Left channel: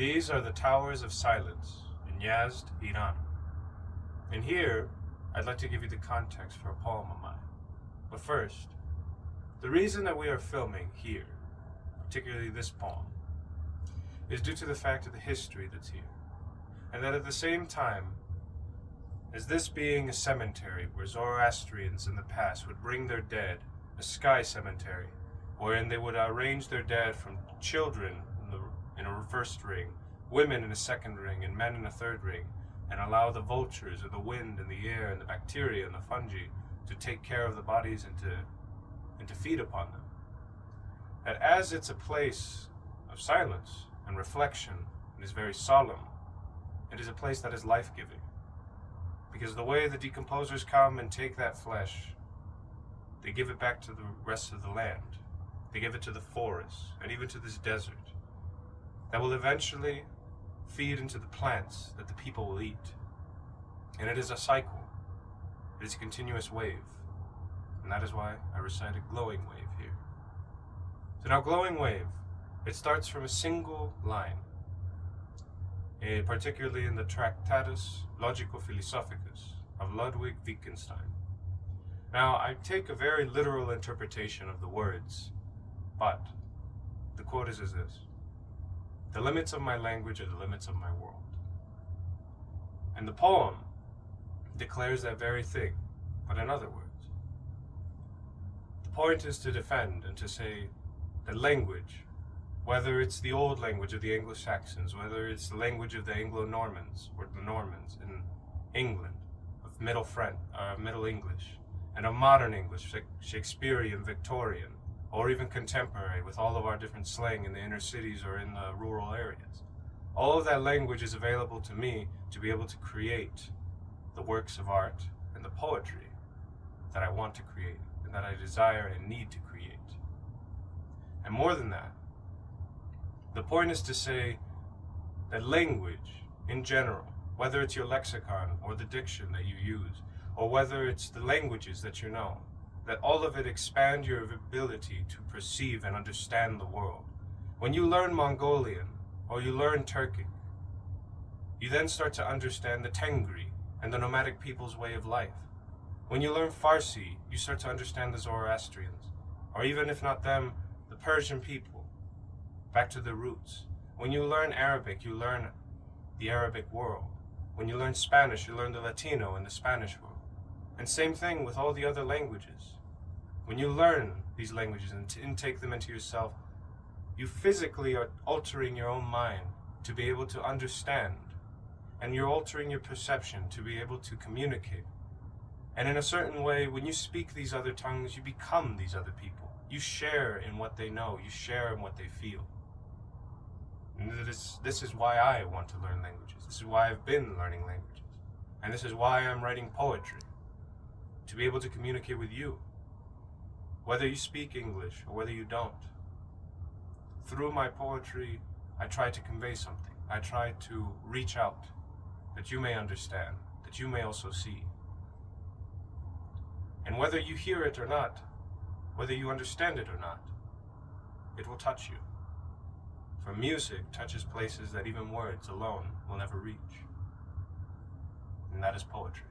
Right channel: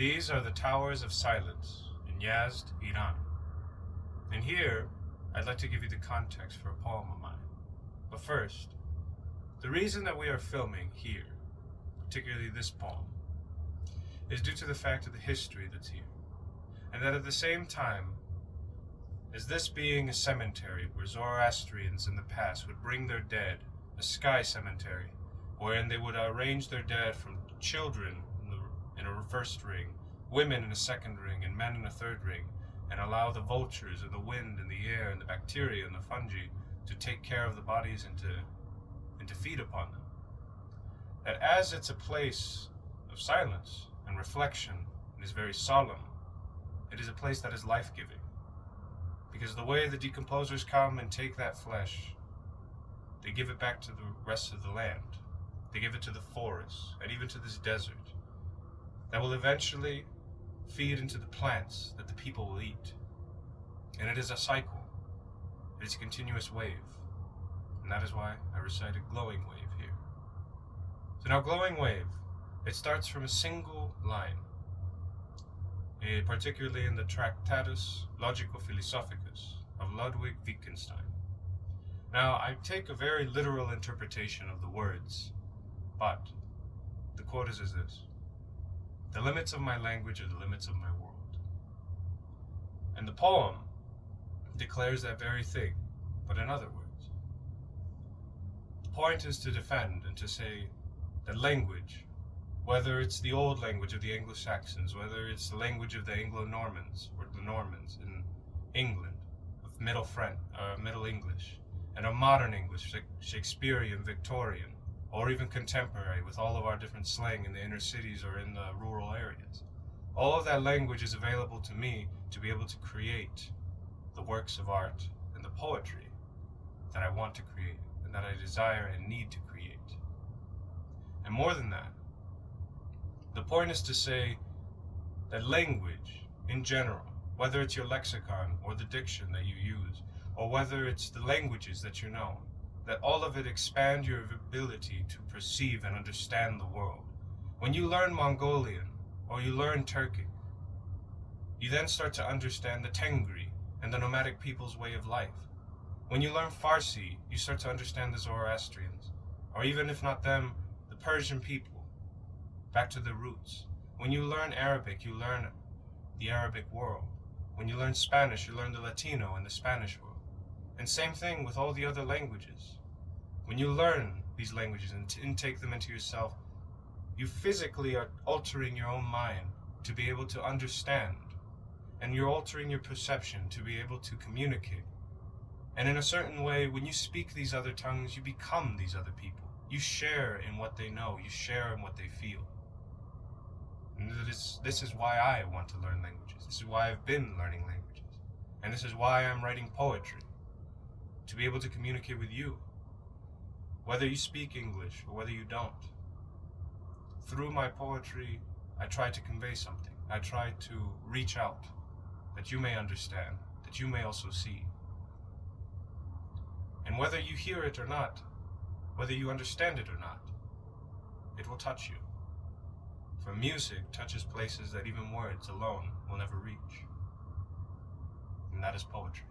These are the Towers of Silence in Yazd, Iran. And here, I'd like to give you the context for a poem of mine. But first, the reason that we are filming here, particularly this poem, is due to the fact of the history that's here. And that at the same time, as this being a cemetery where Zoroastrians in the past would bring their dead, a sky cemetery, wherein they would arrange their dead from children in a first ring, women in a second ring, and men in a third ring, and allow the vultures and the wind and the air and the bacteria and the fungi to take care of the bodies and to feed upon them. That as it's a place of silence and reflection and is very solemn, it is a place that is life-giving. Because the way the decomposers come and take that flesh, they give it back to the rest of the land. They give it to the forests and even to this desert that will eventually feed into the plants that the people will eat. And it is a cycle. It is a continuous wave. And that is why I recited glowing wave here. So now glowing wave, it starts from a single line, particularly in the Tractatus Logico-Philosophicus of Ludwig Wittgenstein. Now, I take a very literal interpretation of the words, but the quote is this: "The limits of my language are the limits of my world." And the poem declares that very thing, but in other words. The point is to defend and to say that language, whether it's the old language of the Anglo-Saxons, whether it's the language of the Anglo-Normans or the Normans in England, of Middle English, and of modern English, like Shakespearean, Victorian, or even contemporary with all of our different slang in the inner cities or in the rural areas. All of that language is available to me to be able to create the works of art and the poetry that I want to create and that I desire and need to create. And more than that, the point is to say that language in general, whether it's your lexicon or the diction that you use, or whether it's the languages that you know, that all of it expand your ability to perceive and understand the world. When you learn Mongolian or you learn Turkic, you then start to understand the Tengri and the nomadic people's way of life. When you learn Farsi, you start to understand the Zoroastrians, or even if not them, the Persian people, back to the roots. When you learn Arabic, you learn the Arabic world. When you learn Spanish, you learn the Latino and the Spanish world. And same thing with all the other languages. When you learn these languages and intake them into yourself, you physically are altering your own mind to be able to understand. And you're altering your perception to be able to communicate. And in a certain way, when you speak these other tongues, you become these other people. You share in what they know. You share in what they feel. And this is why I want to learn languages. This is why I've been learning languages. And this is why I'm writing poetry. To be able to communicate with you. Whether you speak English or whether you don't. Through my poetry, I try to convey something. I try to reach out, that you may understand, that you may also see. And whether you hear it or not, whether you understand it or not, it will touch you. For music touches places that even words alone will never reach. And that is poetry.